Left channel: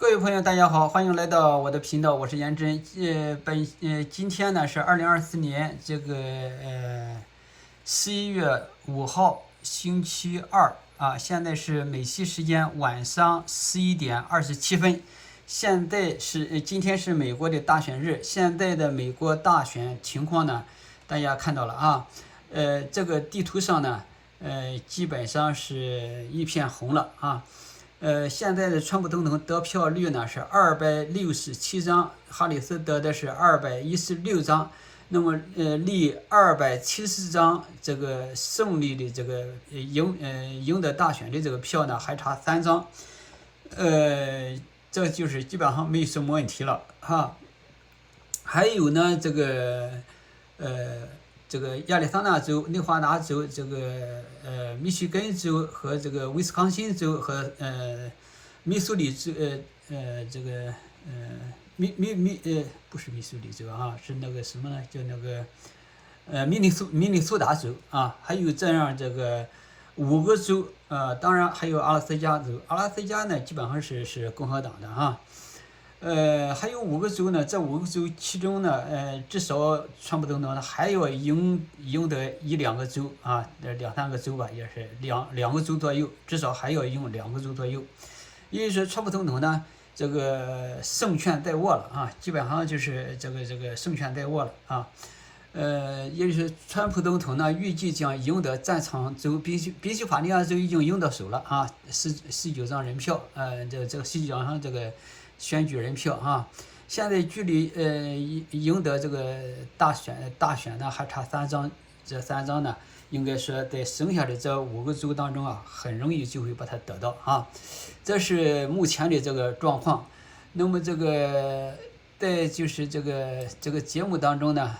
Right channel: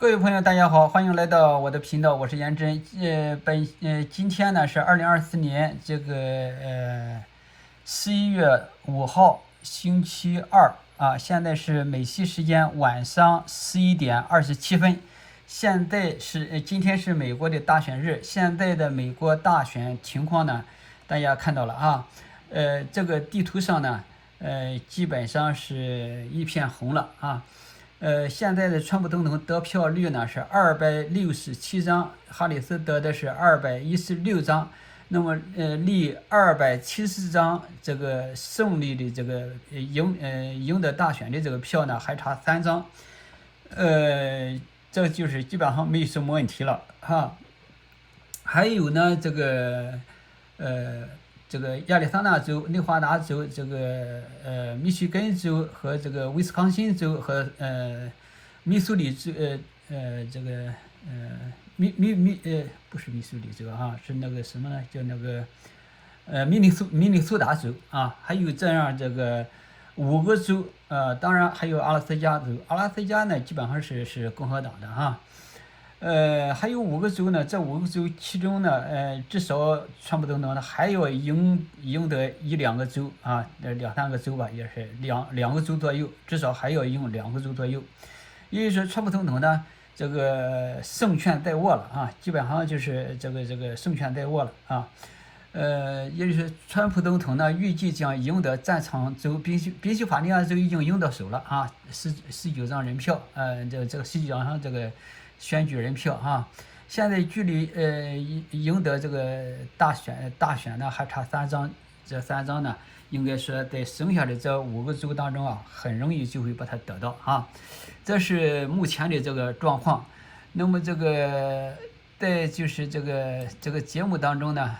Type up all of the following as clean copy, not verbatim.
各位朋友，大家好，欢迎来到我的频道，我是严真。今天呢是2024年11月5号，星期二啊。现在是美西时间晚上11点27分。今天是美国的大选日，现在的美国大选情况呢，大家看到了啊。这个地图上呢，基本上是一片红了啊。现在的川普总统得票率呢是267张，哈里斯得的是216张，那么离270张这个胜利的这个赢得大选的这个票呢还差3张，这就是基本上没什么问题了哈。还有呢这个亚利桑那州、内华达州、密歇根州和这个威斯康辛州和密苏里州不是密苏里州啊，是那个什么呢？叫那个明尼苏达州啊，还有这样这个5个州当然还有阿拉斯加州，阿拉斯加呢基本上是共和党的哈。还有5个州呢，这5个州其中呢，至少川普总统呢还要赢得1-2个州啊，2-3个州吧，也是两个州左右，至少还要赢2个州左右。也就是说，川普总统呢，这个胜券在握了啊，基本上就是这个胜券在握了啊。也就是川普总统呢，预计将赢得战场州，宾夕法尼亚州已经赢到手了啊，19张人票，这个19张这个选举人票啊，现在距离赢得这个大选呢还差3张，这3张呢应该说在剩下的这5个州当中啊，很容易就会把它得到啊，这是目前的这个状况。那么在就是这个节目当中呢，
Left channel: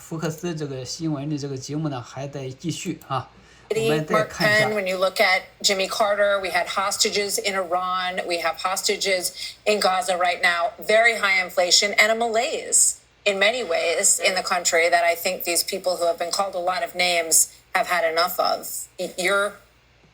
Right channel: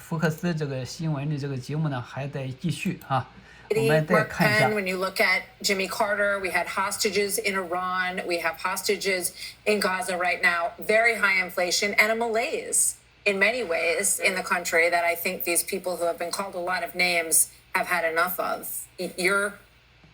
福克斯这个新闻的这个节目呢还在继续啊。Mark Penn, when you look at Jimmy Carter, we had hostages in Iran, we have hostages in Gaza right now, very high inflation and a malaise in many ways in the country that I think these people who have been called a lot of names have had enough of.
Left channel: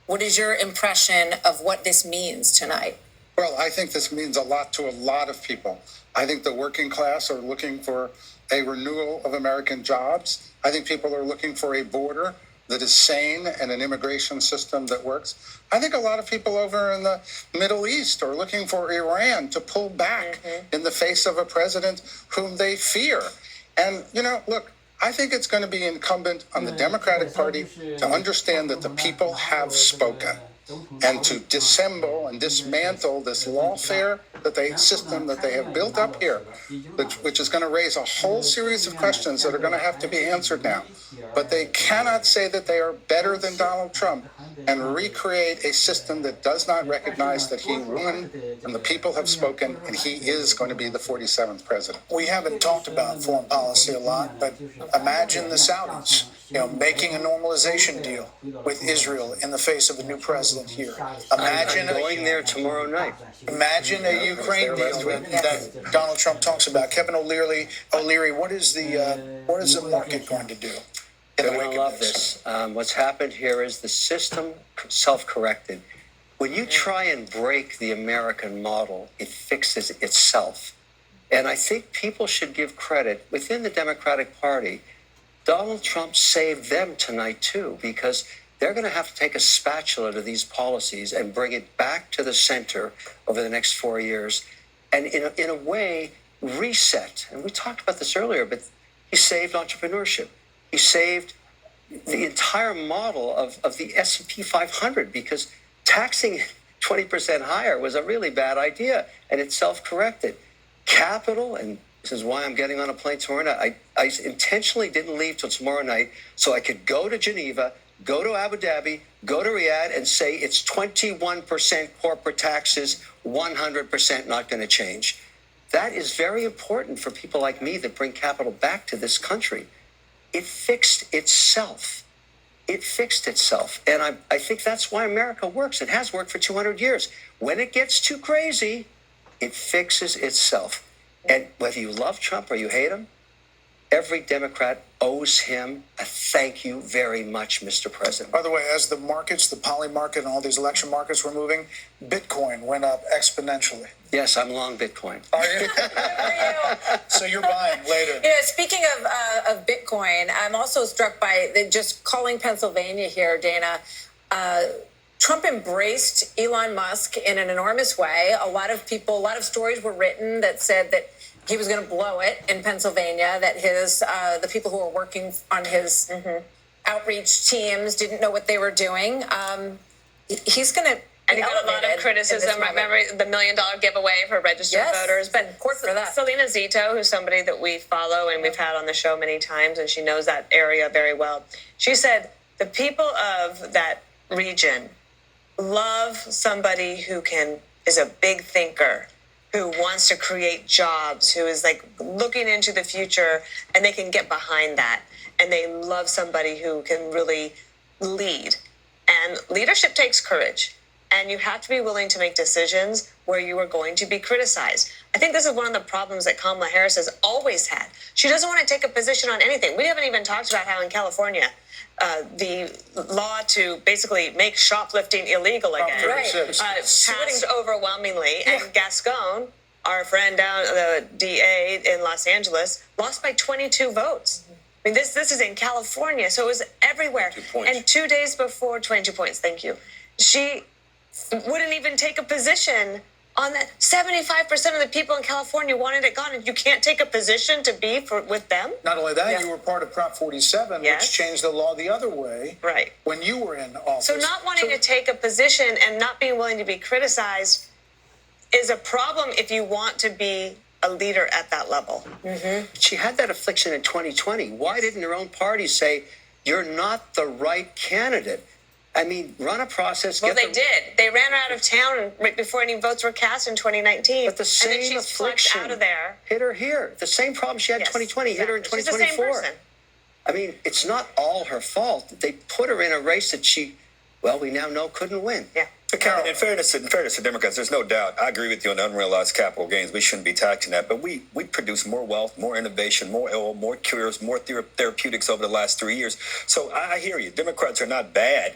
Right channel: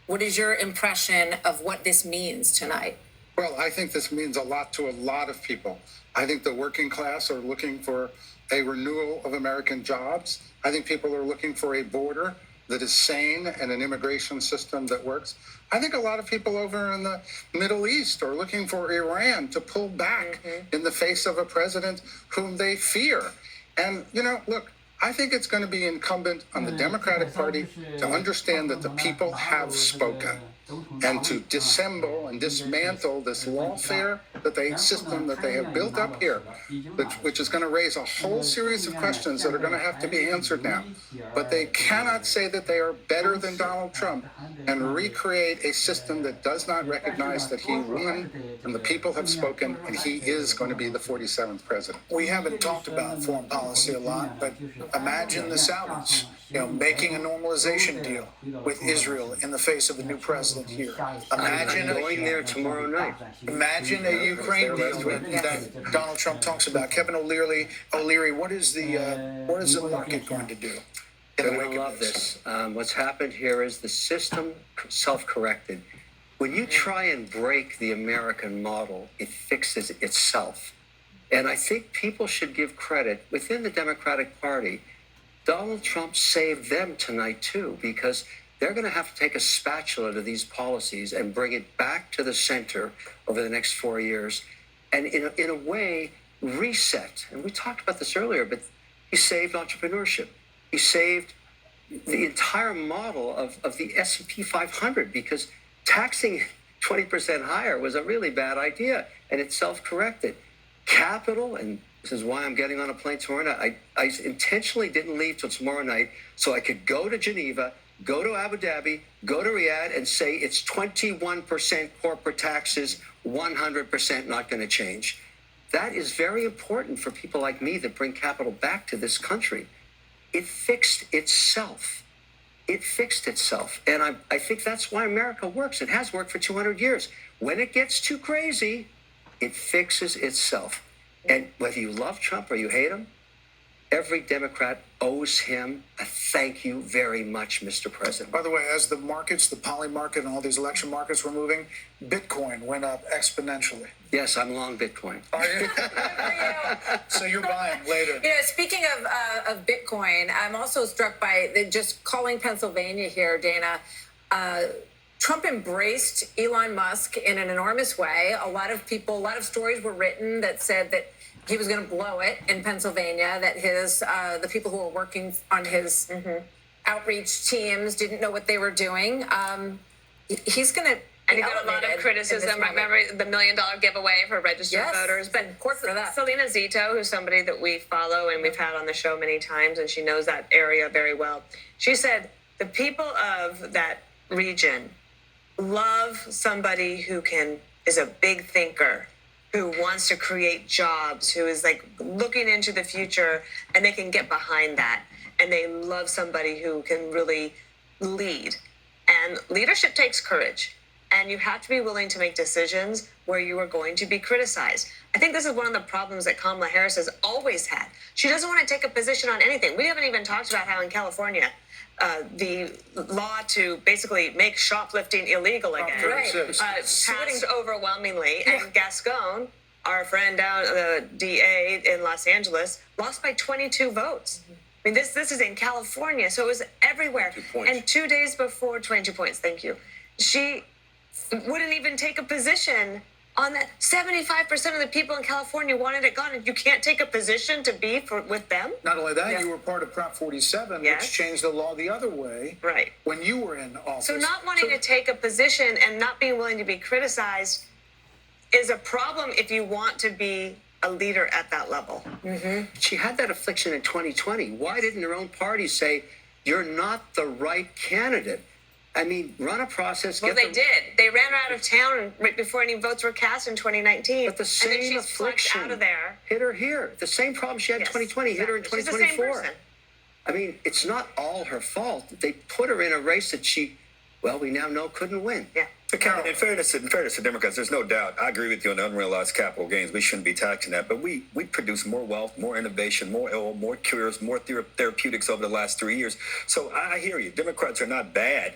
What is your impression of what this means tonight? Well, I think this means a lot to a lot of people. I think the working class are looking for a renewal of American jobs. I think people are looking for a border that is sane and an immigration system that works. I think a lot of people over in the Middle East are looking for Iran to pull back in the face of a president whom they fear. And, look, I think it's going to be incumbent on the Democratic Party to understand that the people have spoken and to dissemble and dismantle this lawfare system that they have built up here, which is going to raise a whole series of questions that are going to have to be answered now. But they cannot say that they are better than Donald Trump and recreate a system that does not recognize that he won and the people have spoken and he is going to be the 47th president. We haven't talked about foreign policy a lot, but imagine the Saudis, making a normalization deal with Israel in the face of a new president here. Imagine going there tomorrow night. Imagine a Ukraine deal that Donald Trump talks about. Kevin O'Leary, what is the market going to do? They're going to love this. What's happened here is the system self-corrected. When you try and break the American model, it fixes itself. And I think people should give credit within the Democratic Party. Donald Trump saved them tonight, too, because they're going to have to take a spatula to these policies and bring it back to the center over the next 4 years and, in a way, reset. And we talked about this earlier, but he saved entrepreneurship. He saved the entire model of the S&P 500 because taxing 20% higher was a really bad idea, and it self-corrected. Capital, and this is why I'm getting on a plane tomorrow night. I intentionally didn't leave till tomorrow night so I could go to Geneva, go to Abu Dhabi, go to Riyadh, and say it's 21% corporate taxes, 100% not going to change. That is very important for people like me that bring capital back to this country. It fixed itself. It fixed itself. And I think that's why America works. It has worked for 200 years. When it gets too crazy, it fixes itself. And whether you love Trump or you hate him, every Democrat owes him a thank you very much, Mr. President. By the way, as the markets, the poly market and all these election markets were moving, Bitcoin went up exponentially. Yes, I'm long Bitcoin. Are you? So you're buying later. Speaking of Bitcoin, I'm also struck by just calling Pennsylvania here, Dana. Trump embraced Elon Musk in an enormous way. A lot of stories were written that said that he was going to blow it in Pennsylvania, that the people who were working on his outreach teams didn't know what they were doing. He's going to. And he got a lot of criticism. Remember the $1 million giveaway for registered voters? But of course for that. Selena Zito, who's somebody that we follow and we've had on the show many times, and she knows that area very well. She said the people of that region love somebody who is a big thinker, who wants to create jobs, who is like looking into the future, and they can get behind that. And they love somebody who can really lead. And leadership takes courage. And you have to be willing to make decisions where you are going to be criticized. I think this is one of the problems that Kamala Harris has always had. She doesn't want to take a position on anything. We haven't even talked about how in California, the law to basically make shoplifting illegal again passed overwhelmingly. Yeah. And Gascon, our friend down the DA in Los Angeles, lost by 22 votes. Mm-hmm. I mean, this is in California, so it was everywhere. 2 points. And 2 days before, 22 points, thank you. She wouldn't even take a position on that. 75% of the people in California wanted it gone, and you can't take a position to be with them. Not only that, you were part of Prop 47, which changed the law the other way. Right. When you were in office. So not wanting to take a position and not being willing to be criticized is a problem if you want to be a leader at that level. Mm-hmm. She had that affliction in 2020. Why didn't her own party say, you're not the right candidate? I mean, run a process. Well, they did. They ran her out of town right before any votes were cast in 2019. But the same and then she's affliction out of there. Hit her here. The same problem she had in 2020 hit her in 2024. She's the same person. I mean, it's not all her fault. They put her in a race that we now know couldn't win. Yeah. But in fairness to Democrats, there's no doubt. I agree with you on the unrealized capital gains. We shouldn't be taxing that. But we produce more wealth, more innovation, more oil, more cures, more therapeutics over the last 3 years. So I hear you. Democrats are not bad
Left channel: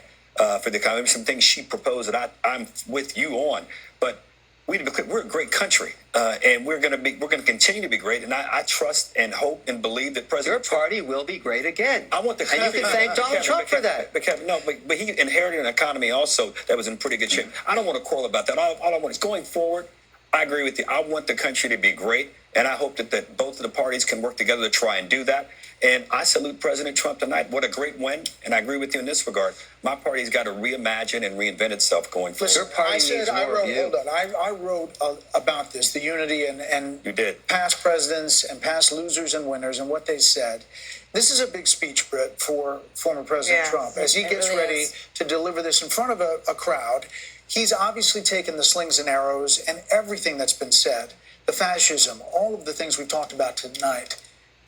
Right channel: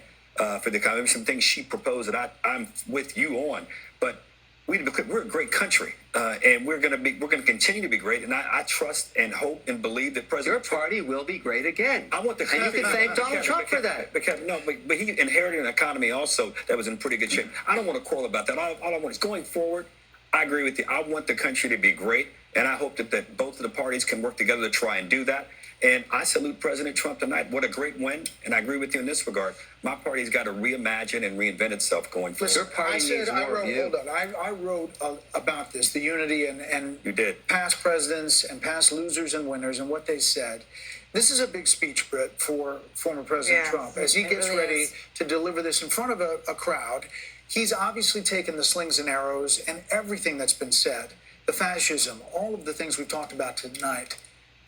for the economy. Some things she proposed that I'm with you on. But we're a great country, and we're going to continue to be great. And I trust and hope and believe that President Your party will be great again. I want the and you can thank Donald Trump for that. But he inherited an economy also that was in pretty good shape. I don't want to quarrel about that. All I want is going forward. I agree with you. I want the country to be great, and I hope that both of the parties can work together to try and do that. And I salute President Trump tonight. What a great win. And I agree with you in this regard. My party's got to reimagine and reinvent itself going forward. Your party needs more of you. I wrote about this, the unity and you did. Past presidents and past losers and winners and what they said. This is a big speech, Britt, for former President Trump. As he gets ready to deliver this in front of a crowd, he's obviously taken the slings and arrows and everything that's been said, the fascism, all of the things we've talked about tonight.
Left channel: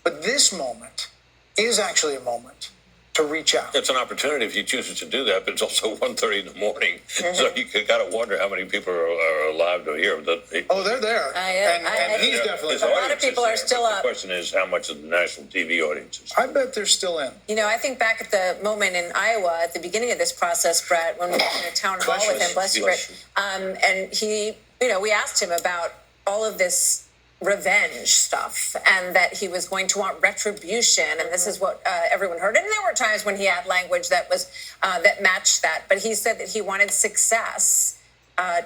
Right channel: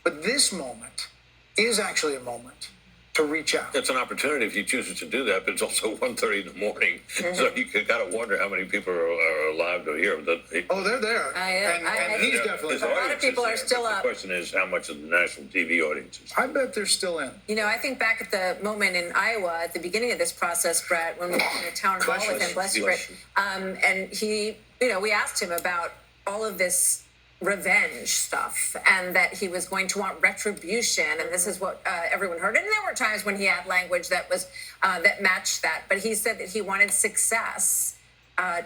But this moment is actually a moment to reach out. It's an opportunity if you choose to do that, but it's also 1:30 in the morning. Mm-hmm. So you got to wonder how many people are alive to hear. They're there. And he's definitely there. A lot of people are still up. The question is how much of the national TV audience is. I bet they're still in. I think back at the moment in Iowa at the beginning of this process, Brett, when we were in a town hall with him, bless you, Brett, and he, we asked him about all of this revenge stuff and that he was going to want retribution, and this is what everyone heard. And there were times when he had language that was that matched that, but he said that he wanted success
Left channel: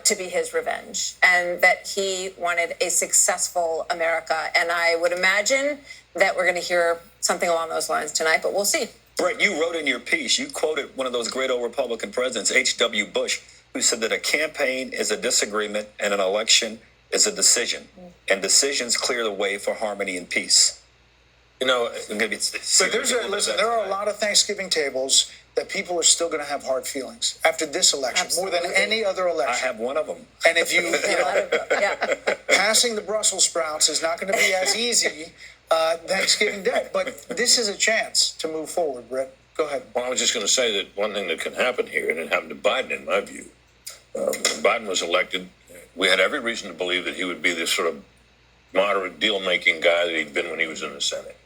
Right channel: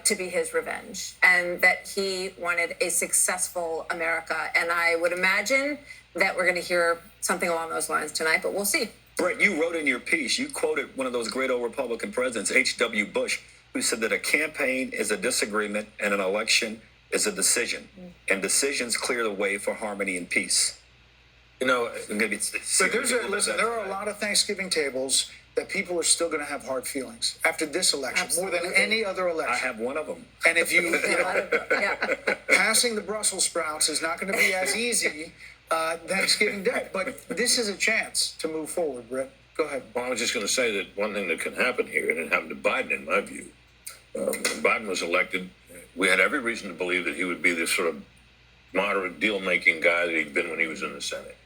to be his revenge, and that he wanted a successful America. And I would imagine that we're going to hear something along those lines tonight, but we'll see. Brett, you wrote in your piece, you quoted one of those great old Republican presidents, H.W. Bush, who said that a campaign is a disagreement and an election is a decision, and decisions clear the way for harmony and peace. Maybe but there are a lot of Thanksgiving tables that people are still going to have hard feelings after this election, more than any other election. I have one of them. And if passing the Brussels sprouts is not going to be as easy Thanksgiving Day, but this is a chance to move forward. Brett, go ahead. Well, I was just going to say that one thing that can happen here, and it happened to Biden, in my view. When Biden was elected, we had every reason to believe that he would be this sort of moderate deal-making guy that he'd been when he was in the Senate.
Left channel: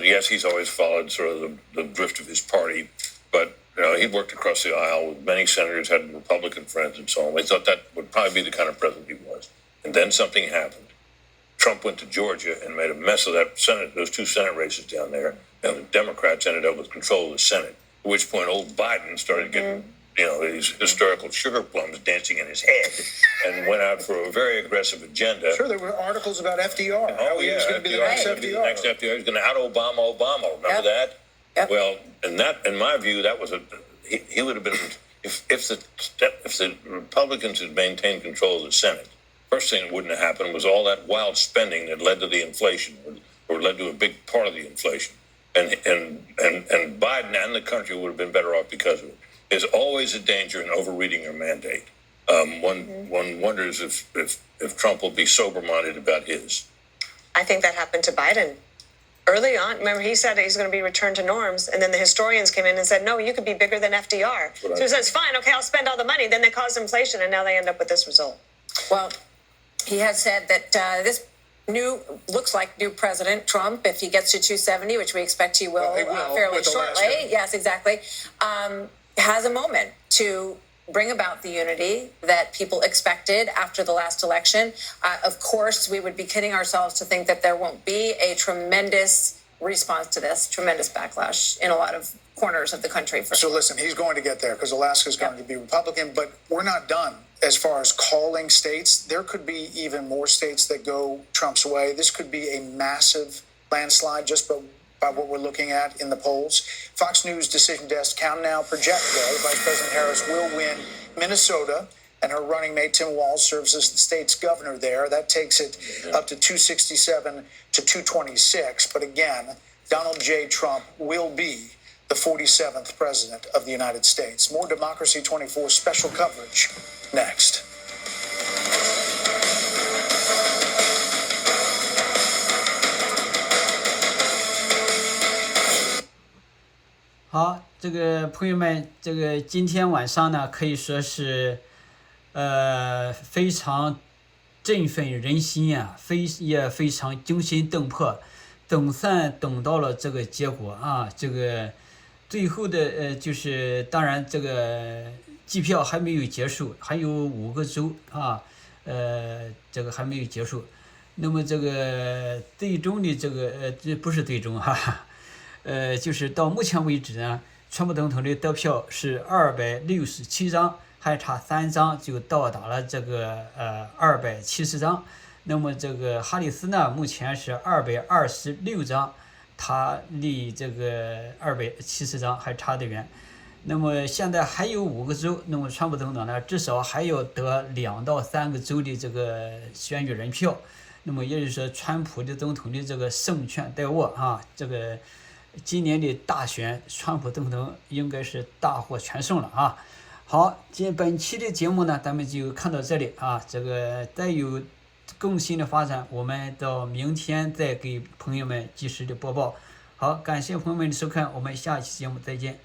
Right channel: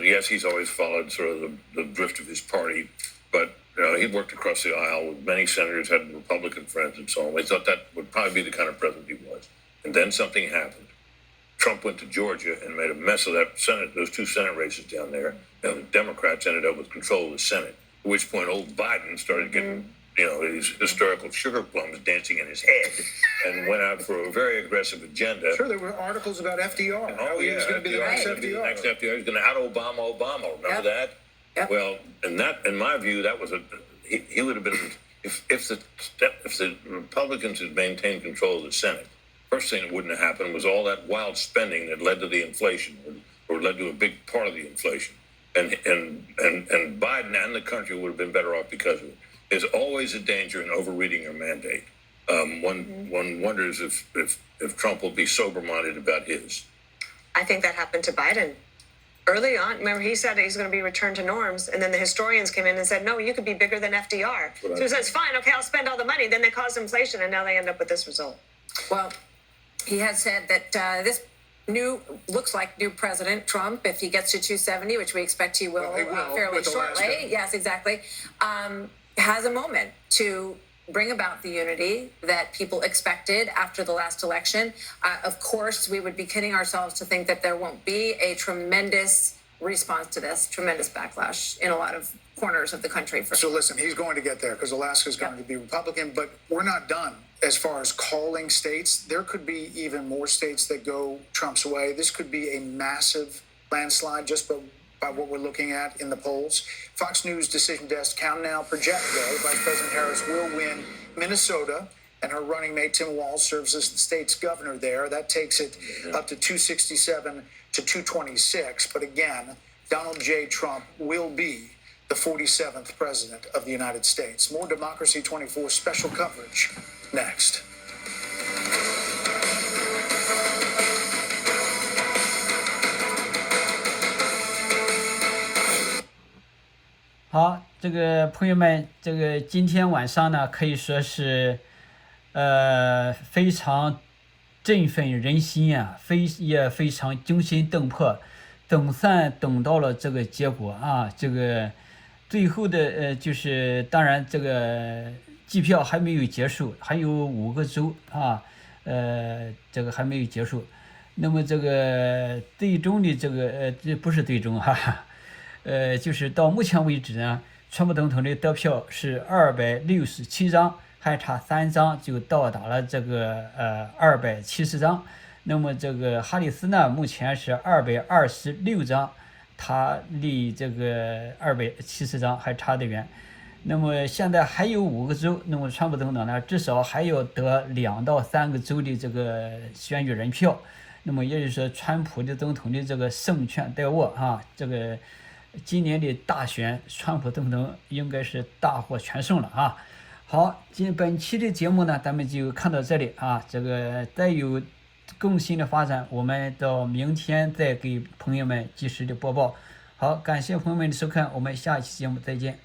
Yes, he's always followed sort of the drift of his party, but he worked across the aisle with many senators, had Republican friends, and so on. We thought that would probably be the kind of president he was. And then something happened. Trump went to Georgia and made a mess of that Senate, those 2 Senate races down there. And the Democrats ended up with control of the Senate. At which point, old Biden started getting, these hysterical sugar plums dancing in his head, and went out for a very aggressive agenda. Sure, there were articles about FDR. Oh, yeah, he was going to be the next FDR. The next FDR. He was going to out-Obama Obama. Remember that? Yep. Well, and that, in my view, that was he would have been if the Republicans had maintained control of the Senate. First thing that wouldn't have happened was all that wild spending that led to the inflation, or led to a big part of the inflation. And Biden and the country would have been better off because of it. There's always a danger in overreading your mandate. One wonders if Trump will be sober-minded about his. I think that happened to Biden. Early on, remember, he said he's going to be returned to norms, and then the historians came in and said, no, you could be bigger than FDR. So he says, fine, okay, I'll spend all the money. Then they caused inflation, and now they end up with this result. Well, he has said that this looks like new President Trump, if he gets to 270, which we expect he will, fairly shortly. Yes, exactly. Has a moment to bring about the unity that people expected after the last election. Of course, we would be kidding ourselves to think that there won't be a tremendous response to this, tremendous backlash in a lot of corners of the country. So listen, he's going to get there because Alaska's going to be Republican, but we're not done as far as calling states. There could be even more states that go Trump's way. This could be a massive landslide just by what we're looking at in the polls. Fox News Decision Desk count now project, though, Vice President Harris will win Minnesota, and her running mate Tim Walz serves as the state's governor there. That takes it up to 267 to 226. But again, Donald J. Trump will be the 47th president of the United States. More Democracy 24 special coverage next. 好，这个朋友们，这个今天晚上呢，可以说是，非常振奋人心啊，也非常惊心动魄，总算等到了这个结果啊，这个最后的就是当然这个计票还没有结束，还有5个州啊，这个还没有结束，那么这个最终的这个这不是最终哈。就是到目前为止呢，川普总统的得票是267张，还差3张就到达了这个270张。那么这个哈里斯呢，目前是226张，他离这个270张还差得远。那么现在还有5个州，那么川普总统呢，至少还要得2到3个州的这个选举人票。那么也就是说，川普的总统的这个胜券在握啊，这个。今年的大选，川普总统应该是大获全胜了啊！好，本期的节目呢，咱们就看到这里啊。这个再有更新的发展，我们到明天再给朋友们及时的播报。好，感谢朋友们的收看，我们下期节目再见。